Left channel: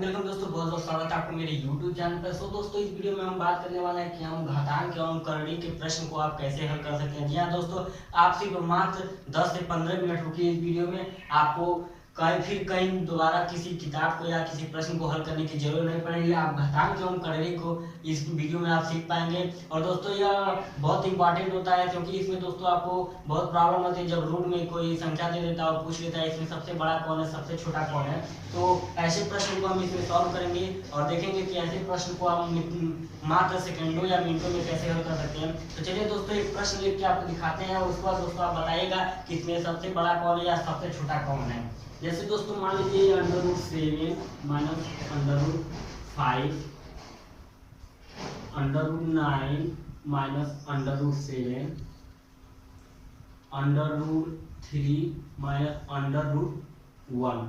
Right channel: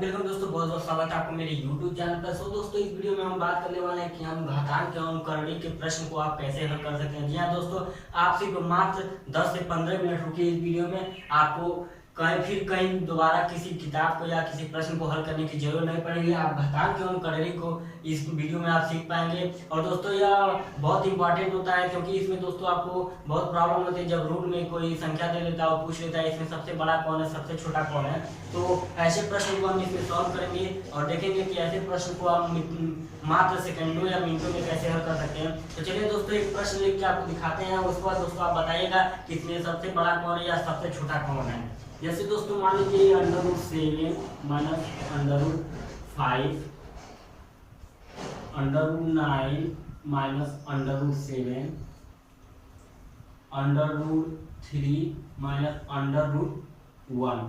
Welcome दोस्तों, बहुत बहुत स्वागत है आपको मेरे YouTube चैनल पर। सो दोस्तों, इस वीडियो में हम बात करने वाले हैं कि हम घातांक एवं करड़ी के प्रश्न को आप कैसे हल कर सकते हैं। जी हाँ दोस्तों, आप सिर्फ मात्र 10 से 15 मिनट रुकिए इस वीडियो में। आपको कहीं दोबारा किसी किताब को या किसी प्रश्न को हल करने की जरूरत नहीं पड़ेगी। आप घातांक एवं करड़ी को इस वीडियो में आप सीख पाएंगे। और दोस्तों, यह बहुत इंपॉर्टेंट होता है क्योंकि इसमें दोस्तों आपको बहुत प्रॉब्लम होती है जब रूट में कोई संख्या दे देता है और पूछ लेता है इसमें सबसे बड़ा कौन है, सबसे छोटा कौन है। तो ऐसे प्रश्न को हम इसमें सॉल्व करेंगे और देखेंगे कि ऐसे प्रश्न को हम मात्र सेकंडों या मिनटों में कैसे हल कर सकते हैं। तो चलिए दोस्तों, एक प्रश्न लिख के आपको दिखाते हैं। उसके बाद दोस्तों आप बताइएगा कि इसमें सबसे बड़ा कौन है या सबसे छोटा कौन है। जैसे दोस्तों मान लीजिए √7 माइनस √5 √9 माइनस √7 √3 माइनस √1।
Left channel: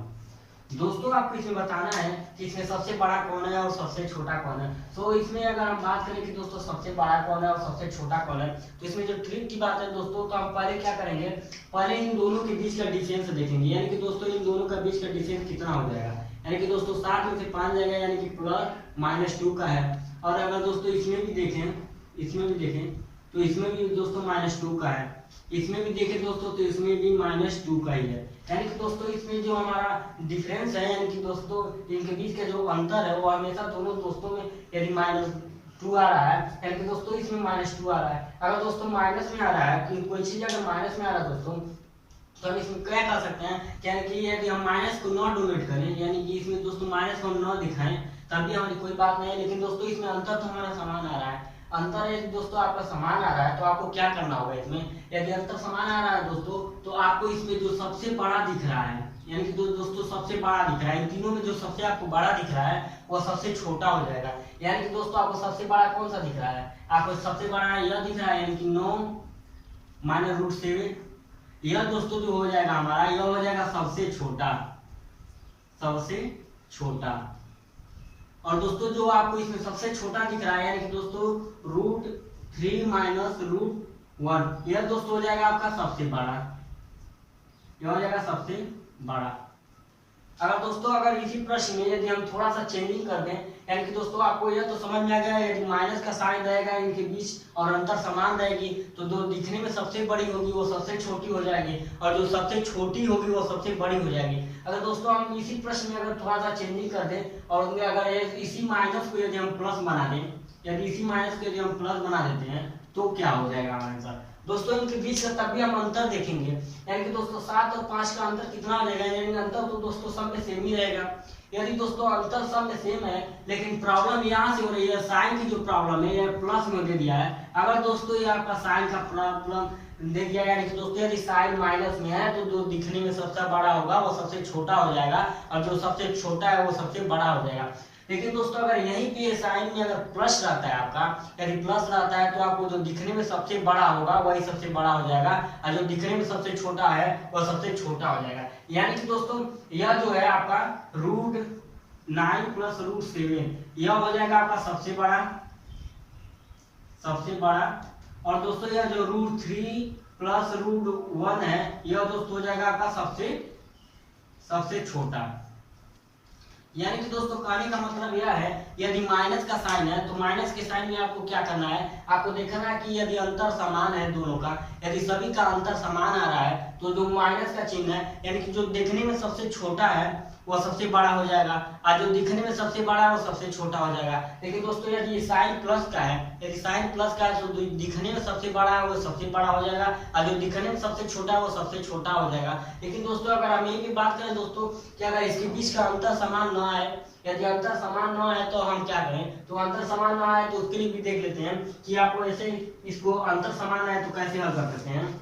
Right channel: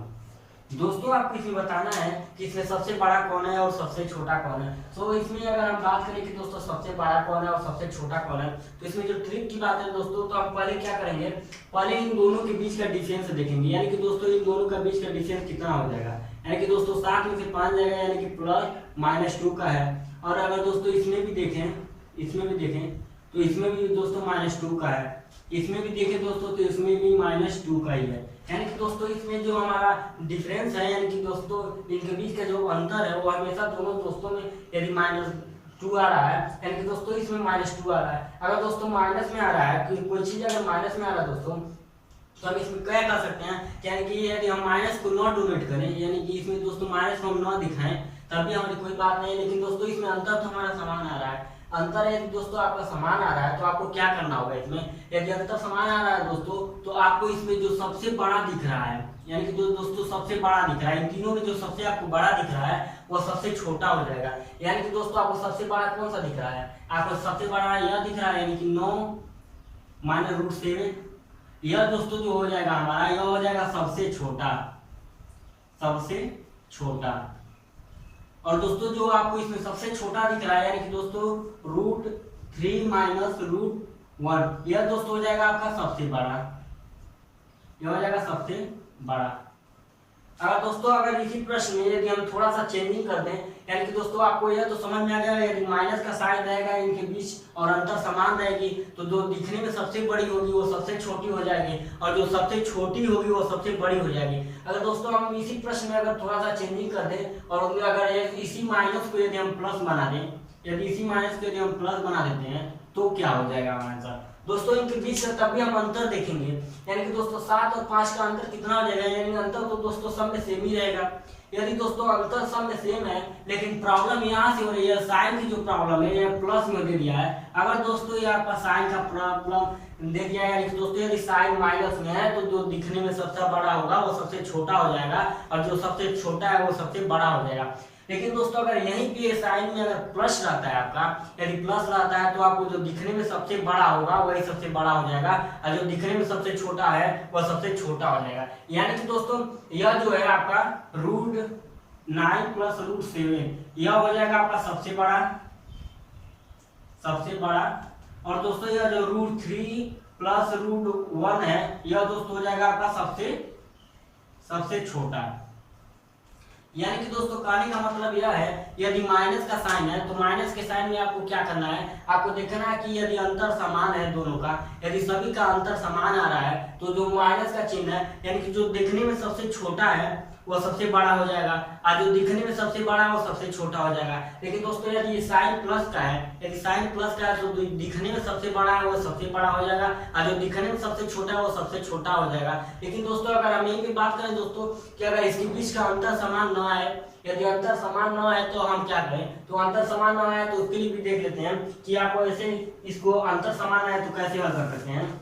दोस्तों आपको इसमें बताना है कि इसमें सबसे बड़ा कौन है और सबसे छोटा कौन है। तो इसमें अगर हम बात करें कि दोस्तों सबसे बड़ा कौन है और सबसे छोटा कौन है, तो इसमें जो ट्रिक की बात है दोस्तों, तो हम पहले क्या करेंगे, पहले इन दोनों के बीच का डिफरेंस देखेंगे। यानी कि दोस्तों इन दोनों का बीच का डिफरेंस कितना हो जाएगा। यानी कि दोस्तों 7 में से 5 जाएगा, यानी कि +-2 का है। और अगर दोस्तों इसमें भी देखें तो इसमें भी दोस्तों -2 का है। इसमें भी देखें दोस्तों तो इसमें भी -2 का ही है। यानी कि दोस्तों इसमें जो हमारा डिफरेंस है, यानी कि दोस्तों इनके बीच का जो अंतर है वो हमेशा दोनों दोस्तों में यदि -2 आ रहा है, यानी कि दोस्तों इसमें -2 आ रहा है। अगर दोस्तों माइनस में आ रहा है, कोई चीज अगर माइनस में आ रहा है दोस्तों, तो हम इसमें क्या कर सकते हैं, यानी कि यदि हम माइनस को न डोनेट करें, यानी कि इसमें दोस्तों माइनस को हम न दिखाएं, तब भी हमारी कोई बात नहीं है। लेकिन दोस्तों इसमें अंतर तो हमारा समान आ रहा है। अंतर यदि दोस्तों आपका समान आ रहा है तो आपको क्या करना होगा, इसमें यदि अंतर समान आ रहा है दोस्तों, तो आपको इसमें जो सबसे बड़ा दिख रहा है, यानी कि दोस्तों सबसे बड़ा दिख रहा है, इन तीनों में जो सबसे आपको बड़ा दिख रहा है वह सबसे छोटा हो जाएगा। यानी कि दोस्तों आपको सबसे बड़ा कौन सा दिख रहा है, आपको सबसे बड़ा यह दिख रहा है, यानी कि 9 माइनस √7। यह दोस्तों जो हो जाएगा हमारा, यह हो जाएगा सबसे छोटा। और दोस्तों जो आपको इसमें सबसे छोटा दिख रहा है, यानी कि दोस्तों √3 माइनस √1, यह दोस्तों हो जाएगा आपका सबसे बड़ा। यह हो जाएगा सबसे बड़ा। अगर इसी प्रश्न में यदि हम थोड़ा सा चेंजिंग कर दें, यानी कि दोस्तों आपको यह तो समझ में आ गया, यदि माइनस का साइन रहेगा इनके बीच और अंतर समान रहेगी तो जो दिखने में सबसे बड़ी होगी वो सबसे छोटी हो जाएगी, और जो सबसे छोटी होगी वो सबसे बड़ी हो जाएगी। अगर दोस्तों हम इसी प्रश्न में अगर थोड़ा सा चेंजिंग कर दें और उनमें अगर इसी माइनस को यदि हम प्लस बना दें, यदि इसी माइनस को यदि हम प्लस बना देते हैं तो क्या हो जाएगा हमारे साथ दोस्तों, इनके बीच का तब भी हम अंतर देखेंगे। यानी कि दोस्तों 7 और 5 का अंतर कितना हो जाएगा, यानी अंतर तो दोस्तों सब में सेम ही रहेगा। यदि दोस्तों अंतर सब में सेम है, लेकिन प्रॉब्लम यहाँ से हो रही है, साइन की जो प्रॉब्लम है, यह प्लस में दे दिया है। अगर दोस्तों ये आपका साइन का प्रॉब्लम दे दिया है, यानी कि दोस्तों यदि साइन माइनस में है तो जो दिखने में सबसे बड़ा होगा वो सबसे छोटा हो जाएगा, और जो सबसे छोटा है वो सबसे बड़ा हो जाएगा। लेकिन दोस्तों अगर यहीं पे साइन में अगर प्लस रहता है आपका, यदि प्लस रहता है तो आपको जो दिखने में सबसे बड़ा होगा वही सबसे बड़ा हो जाएगा, और जो दिखने में सबसे छोटा है वह सबसे छोटा हो जाएगा। यानी कि दोस्तों यह जो है आपका √9 प्लस √7, यह हो जाएगा आपका सबसे बड़ा। और दोस्तों यह जो √3 प्लस √1 है, यह दोस्तों हो जाएगा आपका सबसे छोटा। यानी कि दोस्तों कहने का मतलब यह है, यदि माइनस का साइन है तो माइनस के साइन में आपको क्या करना है, आपको देखना है कि यदि अंतर समान है दोनों का, यदि सभी का अंतर समान आ रहा है तो जो माइनस का चिन्ह है, यानी कि जो दिखने में सबसे छोटा है वह सबसे बड़ा हो जाएगा, और जो दिखने में सबसे बड़ा है वो सबसे छोटा हो जाएगा। लेकिन दोस्तों यदि साइन प्लस का है, तो दिखने में सबसे बड़ा है वो सबसे बड़ा हो जाएगा, और जो दिखने में सबसे छोटा है वो सबसे छोटा हो जाएगा। लेकिन दोस्तों अगर हम यही भी बात करें दोस्तों कि अगर इसके बीच का अंतर समान ना है, यदि अंतर समान ना है तो हम क्या करें, तो अंतर समान ना है तो उसके लिए भी देख लेते हैं कि आपको ऐसे इसको अंतर समान है तो कैसे हल कर सकते हैं।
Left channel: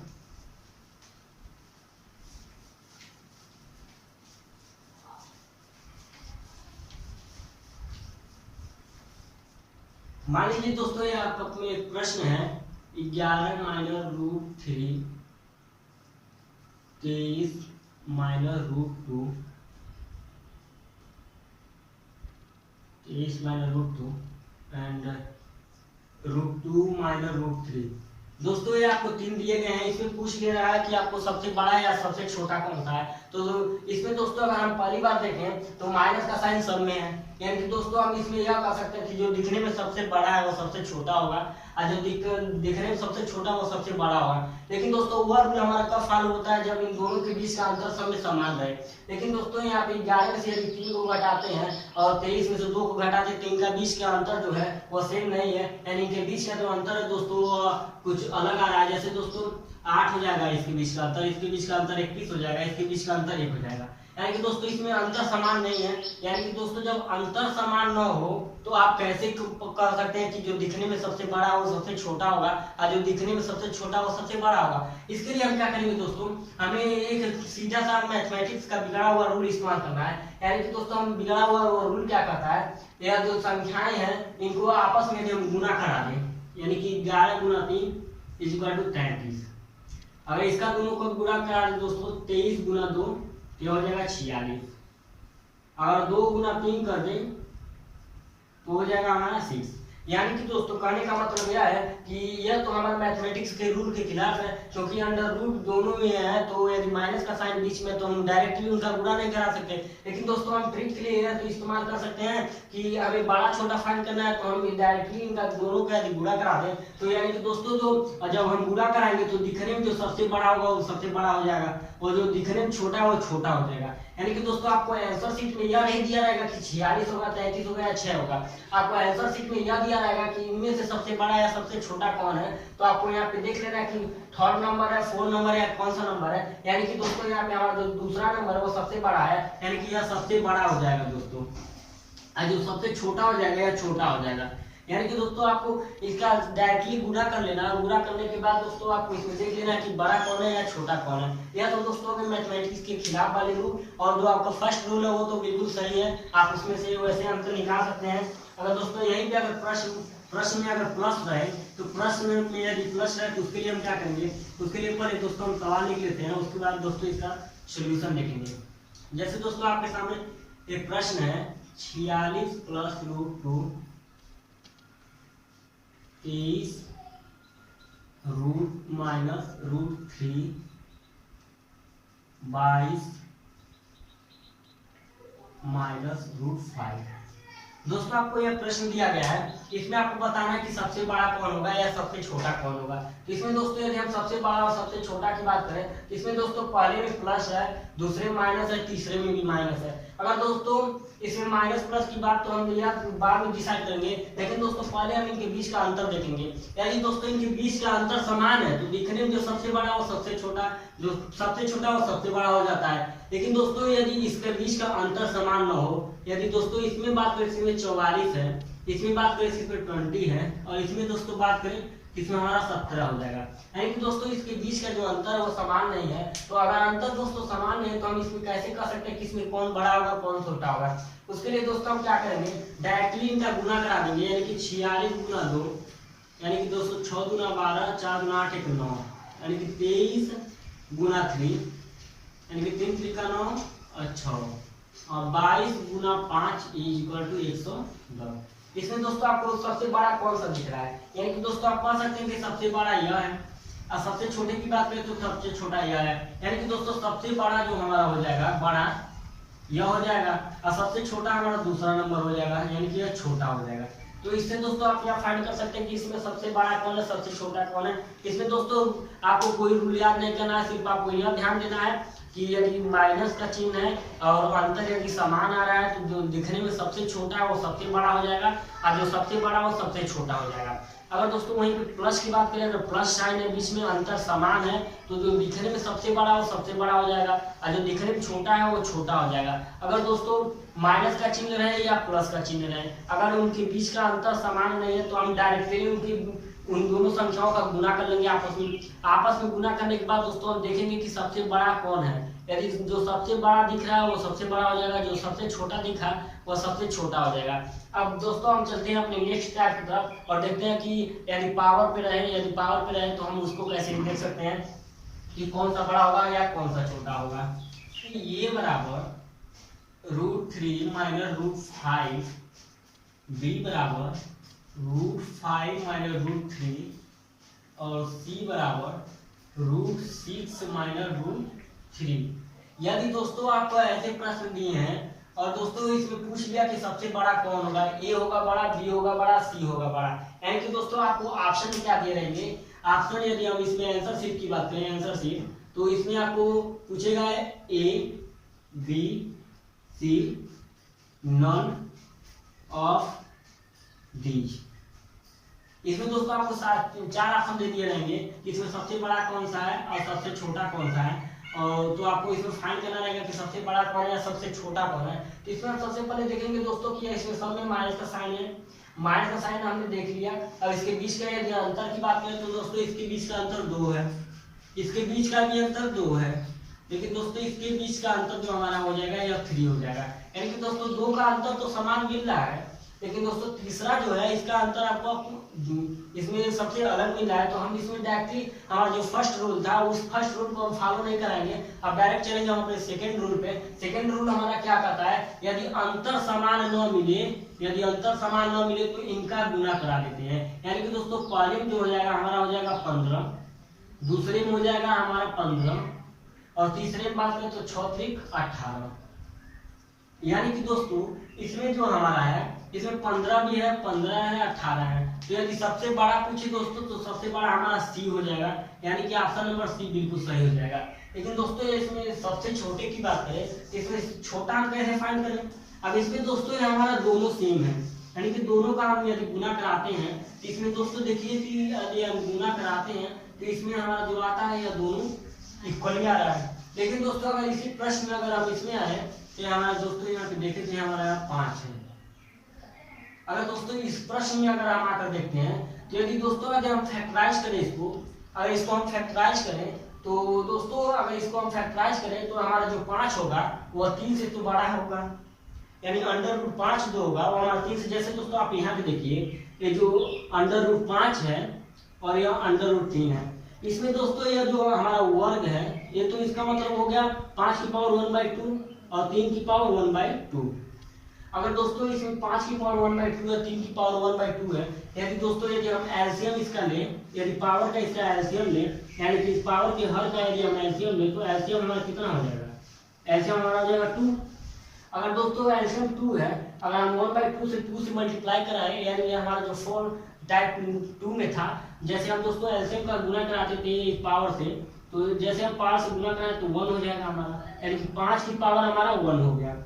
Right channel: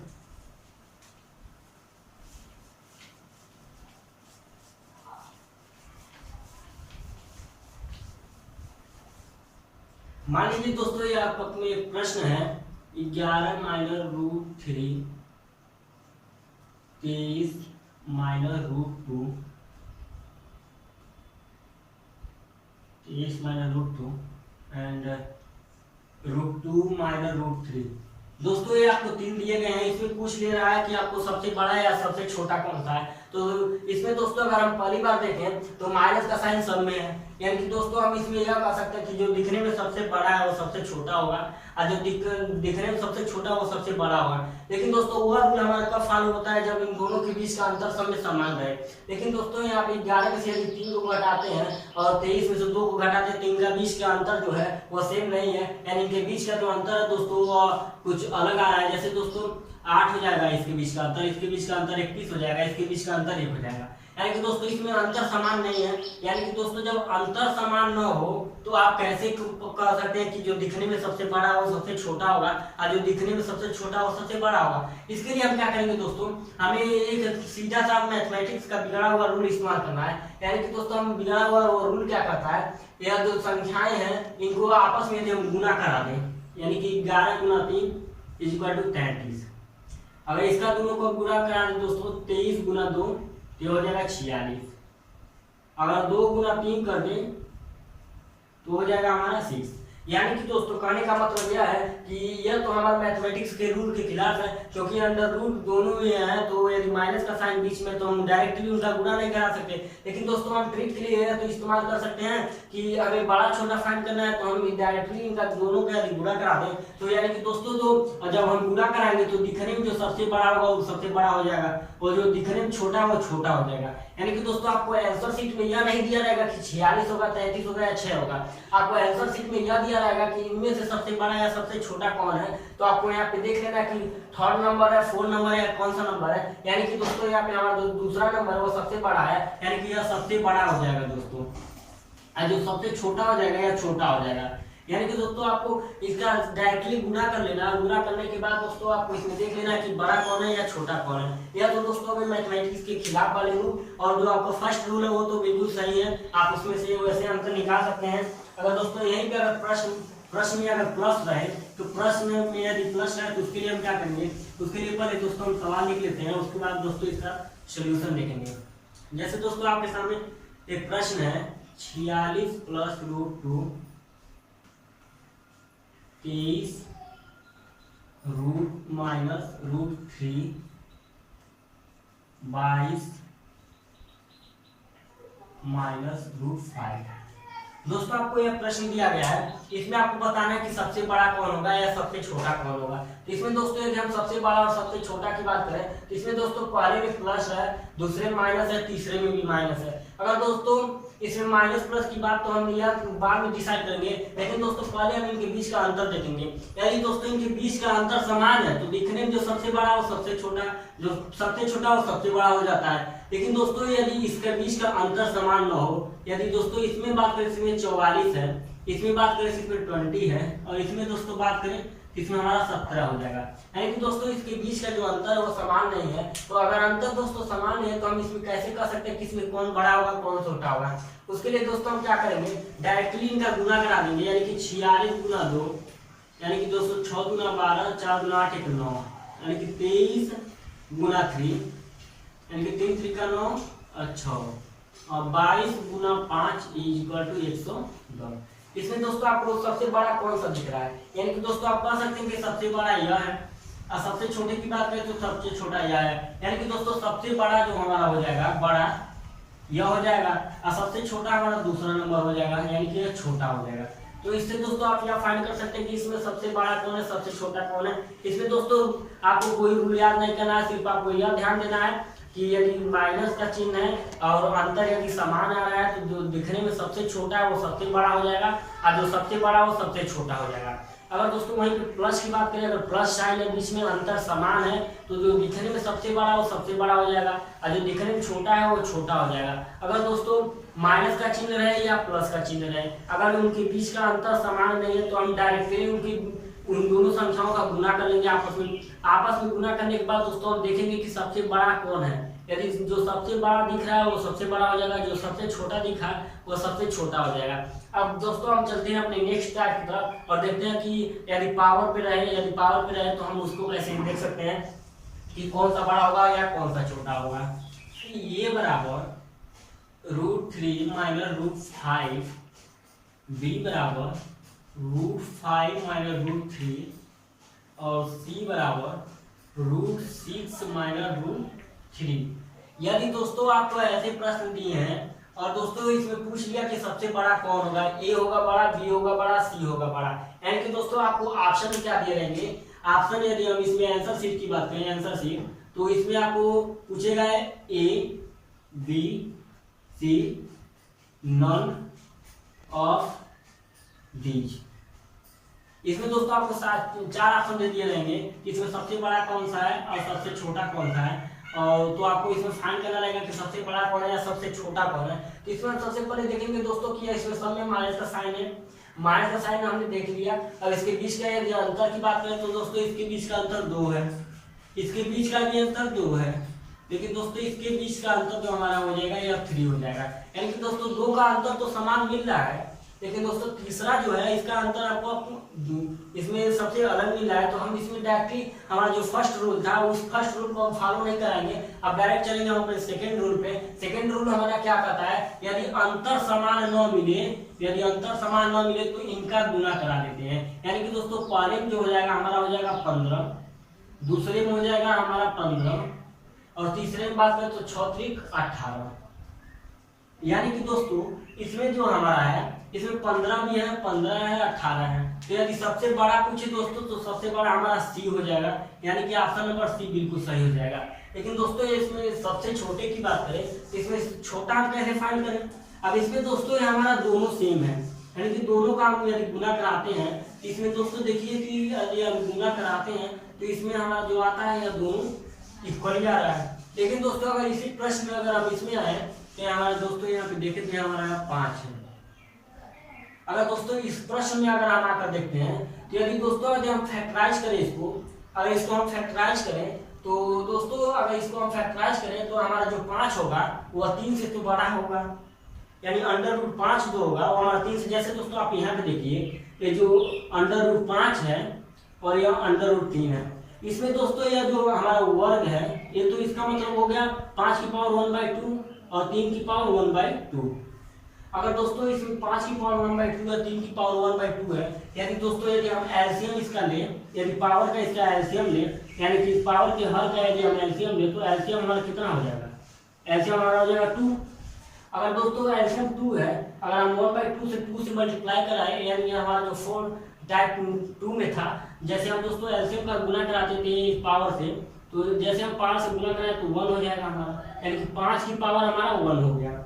मान लीजिए दोस्तों ये आपका एक प्रश्न है, 11 minus √3, 23 minus √2, 23 minus √2 and √2 minus √3। दोस्तों ये आपको 3 दिए गए हैं, इसमें पूछ ले रहा है कि आपको सबसे बड़ा या सबसे छोटा कौन सा है। तो इसमें दोस्तों अगर हम पहली बार देखें तो माइनस का साइन सब में है, यानी कि दोस्तों हम इसमें यह कह सकते हैं कि जो दिखने में सबसे बड़ा है वो सबसे छोटा होगा, और जो दिखने में सबसे छोटा वो सबसे बड़ा होगा। लेकिन दोस्तों वह रूल हमारा कब फॉलो होता है, जब इन दोनों के बीच का अंतर सब में समान रहे। लेकिन दोस्तों यहाँ पे 11 में से यदि 3 को घटाते हैं और 23 में से 2 को घटाते हैं तो इनका बीच का अंतर जो है वह सेम नहीं है, यानी इनके बीच का जो अंतर है दोस्तों कुछ अलग आ रहा है। जैसे दोस्तों 8 हो जाएगा इसके बीच का अंतर, इसके बीच का अंतर 21 हो जाएगा, इसके बीच का अंतर 1 हो जाएगा, यानी कि दोस्तों इसमें अंतर समान नहीं है। यानी कि दोस्तों जब अंतर समान न हो तो आप कैसे कह सकते हैं कि जो दिखने में सबसे बड़ा हो सबसे छोटा होगा और जो दिखने में सबसे छोटा हो सबसे बड़ा होगा। इसके लिए हम क्या करेंगे दोस्तों, हमें एक सीधा सा मैथमेटिक्स का बिगड़ा हुआ रूल इस्तेमाल करना है। यानी कि दोस्तों हम बिगड़ा हुआ रूल क्या कहता है, यह जो संख्याएं हैं इनको आपस में हम गुना करा दें, यानी कि 11 गुना 3 = 33। अगर इसका दोनों को गुना करा दें दोस्तों 23 गुना 2 ये हो जाएगा 46। अगर 2 गुना 3 कर दें तो हो जाएगा हमारा 6। यानी कि दोस्तों कहने का मतलब यह है कि यह तो हमारा मैथमेटिक्स के रूल के खिलाफ है, क्योंकि अंडर रूट दोनों में है तो यदि माइनस का साइन बीच में तो हम डायरेक्टली उनका गुणा नहीं करा सकते। लेकिन दोस्तों हम ट्रिक के लिए तो इस्तेमाल कर सकते हैं कि हमें बड़ा छोटा फाइंड करना है तो हम डायरेक्टली इनका दोनों का यदि गुणा करा दें तो यानी कि दोस्तों जो जब हम गुणा कराएंगे तो दिखने में जो सबसे बड़ा होगा वो सबसे बड़ा हो जाएगा और जो दिखने में छोटा है वो छोटा हो जाएगा। यानी कि दोस्तों आपको आंसर शीट में यह नहीं दिया रहेगा कि 46 होगा 33 होगा या 6 होगा, आपको आंसर शीट में यह दिया रहेगा कि इनमें से सबसे बड़ा या सबसे छोटा कौन है। तो आपको यहाँ पे देख लेना कि 3rd नंबर है 4 नंबर या कौन सा नंबर है। यानी कि दोस्तों यहाँ पे हमारा जो दूसरा नंबर है वो सबसे बड़ा है, यानी कि यह सबसे बड़ा हो जाएगा दोस्तों, और जो सबसे छोटा हो जाएगा या छोटा हो जाएगा। यानी कि दोस्तों आपको इसका डायरेक्टली गुणा कर लेना, गुणा करने के बाद दोस्तों आपको इसमें देख लेना है कि बड़ा कौन है या छोटा कौन है। यह तो दोस्तों अगर मैथमेटिक्स के खिलाफ वाले रूल, और जो आपका फर्स्ट रूल है वो तो बिल्कुल सही है, आप उसमें से वैसे अंतर निकाल सकते हैं। अगर दोस्तों यहीं पे अगर प्रश्न में अगर प्लस रहे तो प्रश्न में यदि प्लस है तो उसके लिए हम क्या करेंगे, उसके लिए पहले दोस्तों हम सवाल लिख लेते हैं, उसके बाद दोस्तों इसका सोल्यूशन देखेंगे। जैसे दोस्तों आपके सामने एक प्रश्न है 46 + √2 23 रूट माइनस √3 22 माइनस √5। दोस्तों आपको यह प्रश्न दिया गया है, इसमें आपको बताना है कि सबसे बड़ा कौन होगा या सबसे छोटा कौन होगा। तो इसमें दोस्तों यदि हम सबसे बड़ा और सबसे छोटा की बात करें तो इसमें दोस्तों पहले में प्लस है, दूसरे में माइनस है, तीसरे में भी माइनस है। अगर दोस्तों इसमें माइनस प्लस की बात तो हम यह बाद में डिसाइड करेंगे, लेकिन दोस्तों पहले हम इनके बीच का अंतर देखेंगे। यदि दोस्तों इनके बीच का अंतर समान है तो दिखने में जो सबसे बड़ा वो सबसे छोटा, जो सबसे छोटा वो सबसे बड़ा हो जाता है। लेकिन दोस्तों यदि इसके बीच का अंतर समान न हो, यदि दोस्तों इसमें बात करें इसमें 44 है, इसमें बात करें इसमें 20 है, और इसमें दोस्तों बात करें इसमें हमारा 17 हो जाएगा। यानी कि दोस्तों इसके बीच का जो अंतर है वो समान नहीं है। तो अगर अंतर दोस्तों समान है तो हम इसमें कैसे कर सकते हैं कि इसमें कौन बड़ा होगा कौन छोटा होगा। उसके लिए दोस्तों हम क्या करेंगे, डायरेक्टली इनका गुना करा देंगे, यानी कि 46 गुना 2 यानी कि दोस्तों 6 गुना 12 4 गुना 8 1 9, यानी कि 23 गुना 3 यानी कि 3 3 का 9 और 6 और 22 गुना 5 = 110। इसमें दोस्तों आपको सबसे बड़ा कौन सा दिख रहा है, यानी कि दोस्तों आप कह सकते हैं कि सबसे बड़ा यह है और सबसे छोटे की बात करें तो सबसे छोटा यह है। यानी कि दोस्तों सबसे बड़ा जो हमारा हो जाएगा बड़ा यह हो जाएगा और सबसे छोटा हमारा दूसरा नंबर हो जाएगा, यानी कि यह छोटा हो जाएगा। तो इससे दोस्तों आप यह फाइंड कर सकते हैं कि इसमें सबसे बड़ा कौन है सबसे छोटा कौन है। इसमें दोस्तों आपको कोई रूल याद नहीं करना है, सिर्फ आपको यह ध्यान देना है कि यदि माइनस का चिन्ह है और अंतर यदि समान आ रहा है तो जो दिखने में सबसे छोटा है वो सबसे बड़ा हो जाएगा और जो सबसे बड़ा वो सबसे छोटा हो जाएगा। अगर दोस्तों वहीं पे प्लस की बात करें, अगर प्लस साइन है बीच में अंतर समान है तो जो दिखने में सबसे बड़ा वो सबसे बड़ा हो जाएगा और जो दिखने में छोटा है वो छोटा हो जाएगा। अगर दोस्तों माइनस का चिन्ह रहे या प्लस का चिन्ह रहे, अगर उनके बीच का अंतर समान नहीं है तो हम डायरेक्टली उन दोनों संख्याओं का गुना कर लेंगे आपस में गुना करने के बाद दोस्तों हम देखेंगे कि सबसे बड़ा कौन है। यदि जो सबसे बड़ा दिख रहा है वो सबसे बड़ा हो जाएगा, जो सबसे छोटा दिखा वो सबसे छोटा हो जाएगा। अब दोस्तों हम चलते हैं अपने नेक्स्ट टाइप की तरफ और देखते हैं कि यदि पावर पे रहे तो हम उसको कैसे देख सकते हैं कि कौन सा बड़ा होगा या कौन सा छोटा होगा। ये बराबर √3 माइनस √5 b बराबर √5 माइनस √3 और c बराबर √6 माइनस √3। यदि दोस्तों आपको ऐसे प्रश्न दिए हैं और दोस्तों इसमें पूछ लिया कि सबसे बड़ा कौन होगा, ए होगा बड़ा, बी होगा बड़ा, सी होगा बड़ा, यानी कि दोस्तों आपको ऑप्शन क्या दिए रहेंगे। ऑप्शन यदि हम इसमें आंसर शीट की बात करें, आंसर शीट, तो इसमें आपको पूछेगा A B C none of these. इसमें दोस्तों आपको 4 ऑप्शन दे दिए रहेंगे, इसमें सबसे बड़ा कौन सा है और सबसे छोटा कौन सा है, और तो आपको इसमें फाइंड करना रहेगा कि सबसे बड़ा कौन है या सबसे छोटा कौन है। तो इसमें सबसे पहले देखेंगे दोस्तों कि इसमें सब में माइनस का साइन है, माइनस का साइन हमने देख लिया। अब इसके बीच का यदि अंतर की बात करें तो दोस्तों इसके बीच का अंतर 2 है, इसके बीच का भी अंतर 2 है, लेकिन दोस्तों इसके बीच का अंतर जो हमारा हो जाएगा यह 3 हो जाएगा, यानी कि दोस्तों 2 का अंतर तो समान मिल रहा है, लेकिन दोस्तों तीसरा जो है इसका अंतर आपको इसमें सबसे अलग मिल रहा है। तो हम इसमें डायरेक्टली हमारा जो फर्स्ट रूल था उस फर्स्ट रूल को हम फॉलो नहीं कराएंगे, अब डायरेक्ट चलेंगे हम अपने सेकंड रूल पे। सेकंड रूल हमारा क्या कहता है, यदि अंतर समान न मिले, यदि अंतर समान न मिले तो इनका गुना करा देते हैं, यानी कि दोस्तों पहले में जो हो जाएगा हमारा हो जाएगा 15, दूसरे में हो जाएगा हमारा 15, और तीसरे में बात करें तो 6 त्रिक 18, यानी कि दोस्तों इसमें जो हमारा है इसमें 15 भी है, 15 है, 18 है। तो यदि सबसे बड़ा पूछे दोस्तों तो सबसे बड़ा हमारा सी हो जाएगा, यानी कि ऑप्शन नंबर सी बिल्कुल सही हो जाएगा। लेकिन दोस्तों इसमें सबसे छोटे की बात करें तो इसमें छोटा हम कैसे फाइंड करें। अब इसमें दोस्तों ये हमारा दोनों सेम है, यानी कि दोनों का हम यदि गुना कराते हैं तो इसमें दोस्तों देखिए कि यदि हम गुना कराते हैं तो इसमें हमारा जो आता है यह दोनों इक्वली आ रहा है। लेकिन दोस्तों अगर इसी प्रश्न में अगर हम इसमें आए तो हमारा दोस्तों यहाँ पे देखें तो हमारा 5 है। अगर दोस्तों इस प्रश्न में अगर हम आकर देखते हैं तो यदि दोस्तों यदि हम फैक्टराइज करें इसको, अगर इसको हम फैक्टराइज करें तो दोस्तों अगर इसको हम फैक्टराइज करें तो हमारा जो 5 होगा वह 3 से तो बड़ा होगा, यानी √5 जो होगा वो हमारा 3 से, जैसे दोस्तों आप यहाँ पे देखिए ये जो √5 है और यह √3 है, इसमें दोस्तों यह जो हमारा वर्ग है ये तो इसका मतलब हो गया 5 की पावर 1/2 और 3 की पावर 1/2। अगर दोस्तों इसमें 5 की पावर 1/2 है, 3 की पावर 1/2 है, यदि दोस्तों यदि हम एलसीएम इसका ले, यदि पावर का इसका एलसीएम ले, यानी कि इस पावर के हर का यदि हम एलसीएम ले तो एलसीएम हमारा कितना हो जाएगा, एलसीएम हमारा हो जाएगा 2। अगर दोस्तों एलसीएम 2 है, अगर हम 1/2 से 2 से मल्टीप्लाई कराए, यानी हमारा जो 4 टाइप 2 में था, जैसे हम दोस्तों एलसीएम का गुना कराते थे इस पावर से, तो जैसे हम पावर से गुना कराए तो 1 हो जाएगा हमारा, यानी कि 5 की पावर हमारा 1 हो गया।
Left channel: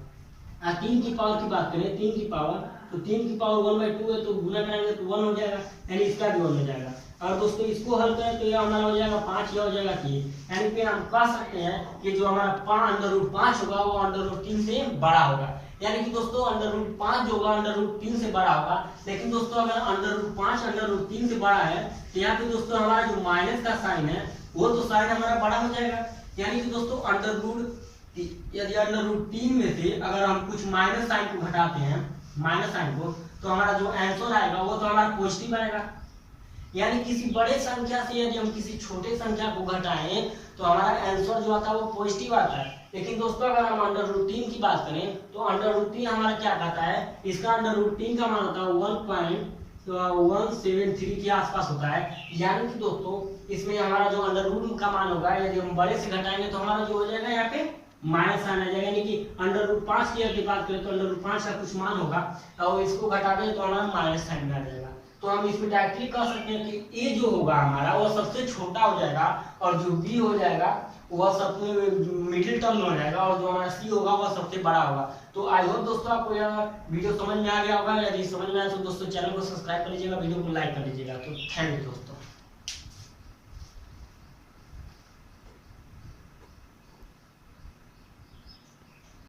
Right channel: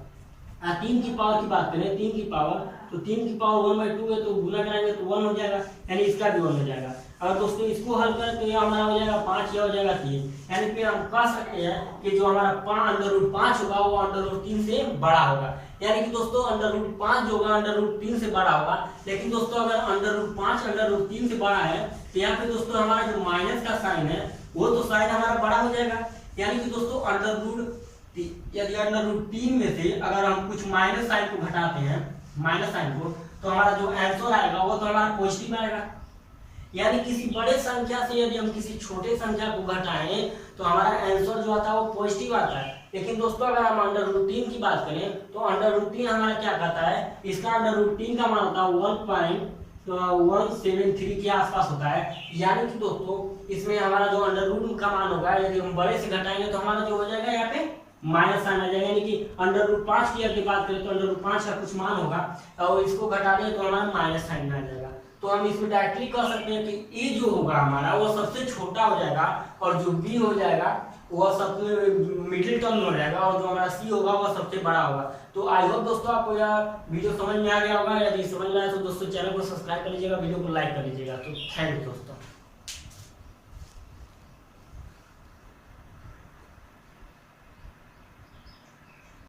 3 की पावर की बात करें, 3 की पावर, तो 3 की पावर 1/2 है तो गुना कराएंगे तो 1 हो जाएगा, यानी इसका भी 1 हो जाएगा। अगर दोस्तों इसको हल करें तो ये हमारा हो जाएगा 5, यह हो जाएगा 3, यानी कि हम कह सकते हैं कि जो हमारा √5 होगा वो √3 से बड़ा होगा, यानी कि दोस्तों √5 जो होगा √3 से बड़ा होगा। लेकिन दोस्तों अगर √5 √3 से बड़ा है तो यहाँ पे दोस्तों हमारा जो माइनस का साइन है वो तो साइन हमारा बड़ा हो जाएगा, यानी कि दोस्तों यदि √3 में से अगर हम कुछ माइनस साइन को घटाते हैं, माइनस साइन को, तो हमारा जो आंसर आएगा वो तो हमारा पॉजिटिव आएगा। यानी किसी बड़े संख्या से यदि हम किसी छोटे संख्या को घटाएं तो हमारा आंसर जो आता है वो पॉजिटिव आता है। लेकिन दोस्तों अगर हम √3 की बात करें तो √3 हमारा क्या कहता है, इसका √3 का मान होता है 1.173 के आसपास होता है, यानी कि दोस्तों इसमें हमारा जो √रूट का मान होगा यदि हम बड़े से घटाएंगे तो हमारा जो हो जाएगा यहाँ पे माइनस साइन आ जाएगा, यानी कि √5 की यदि बात करें तो √5 का कुछ मान होगा और इसको घटा दें तो हमारा माइनस साइन आ जाएगा। तो हम इसमें डायरेक्टली कह सकते हैं कि ए जो होगा हमारा वो सबसे छोटा हो जाएगा और जो बी हो जाएगा वह सबसे मिडिल टर्म में हो जाएगा और जो हमारा सी होगा वह सबसे बड़ा होगा। तो आई होप दोस्तों आपको यह वीडियो समझ में आ गया होगा। यदि समझ में आया तो दोस्तों चैनल को सब्सक्राइब कर लीजिएगा, वीडियो को लाइक कर लीजिएगा। तो थैंक यू दोस्तों।